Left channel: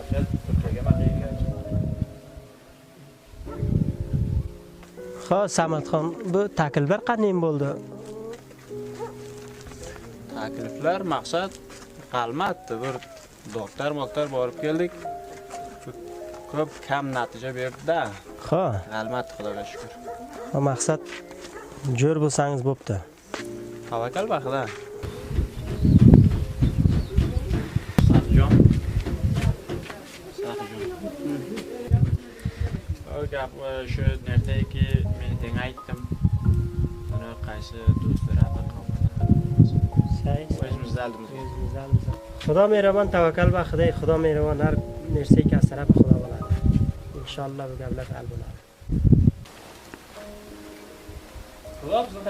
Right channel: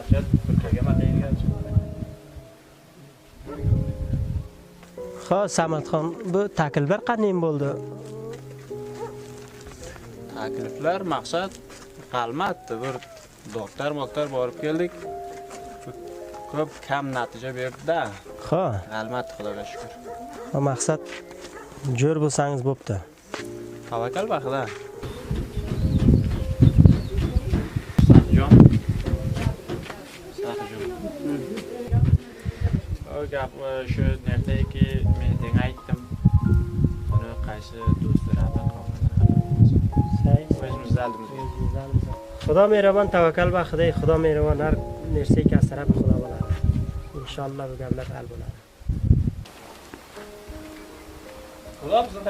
Maqsad Turkiyaga maqaygan. Xo'p, Samatxon, bu takliflar qanday bo'ldi? Takliflar maqsad qalmatdi. Bir doktor borib keldik. Ko'p kam natija berdi-da. Xo'p, Qalmatdi, Xudoga shukr. maqsad jo'r bo'lsangiz bo'pti. Tavakkal baxda. Saxjon. O gap shu nerdaki men senga aytdim. Uni qaysi do'stlarga qolmadi xabar olmasin. O'zimizda aldimizga. Xudo mehribon, tavakkal va Xudo, Xudo mehribon, har narsa kasrab Xudo bo'ladi. Inshaalloh bu gaplar hal bo'ladi. Xudo bizni